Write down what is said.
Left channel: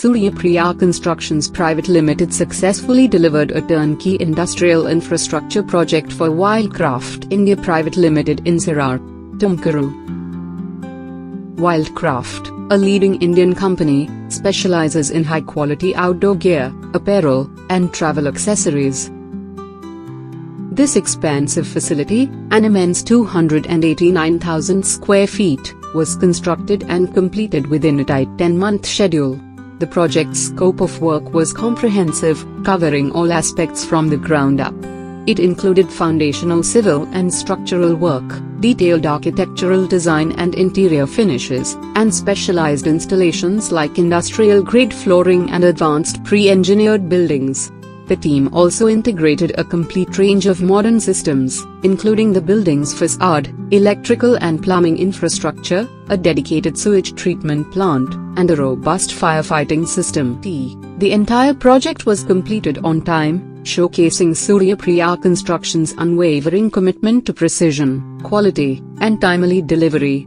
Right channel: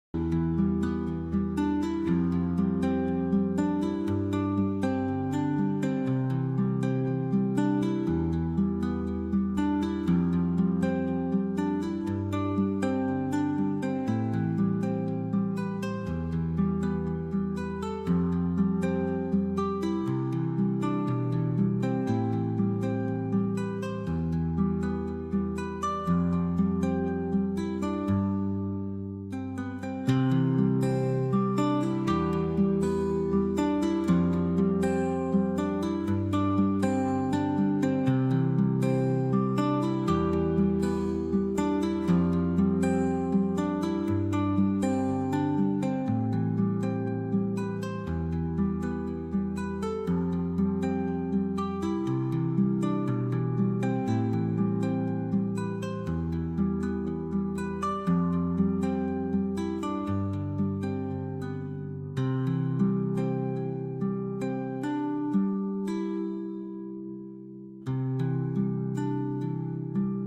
Suryapriya Constructions Pvt Ltd successfully delivered a turnkey industrial infrastructure project for Wildcraft India Pvt Ltd in Sira, Tumakuru. Wildcraft, a leading Indian company, specializes in high-quality outdoor gear, apparel, and travel accessories. This expansive facility, an immense 289,000 square feet, was constructed and completed within a tight 10-month schedule. The project's scope of work was comprehensive, covering all aspects from the ground up. It included foundational civil and structural work, detailed architectural design and interior finishes, and specialized installations like industrial-grade flooring and advanced pre-engineered buildings. The team also integrated a complete range of modern systems, including the building's facade, electrical and plumbing infrastructure, a dedicated sewage treatment plant, and a robust firefighting system. The entire project was completed on time, showcasing Suryapriya Constructions' unwavering commitment to precision, quality, and timely delivery.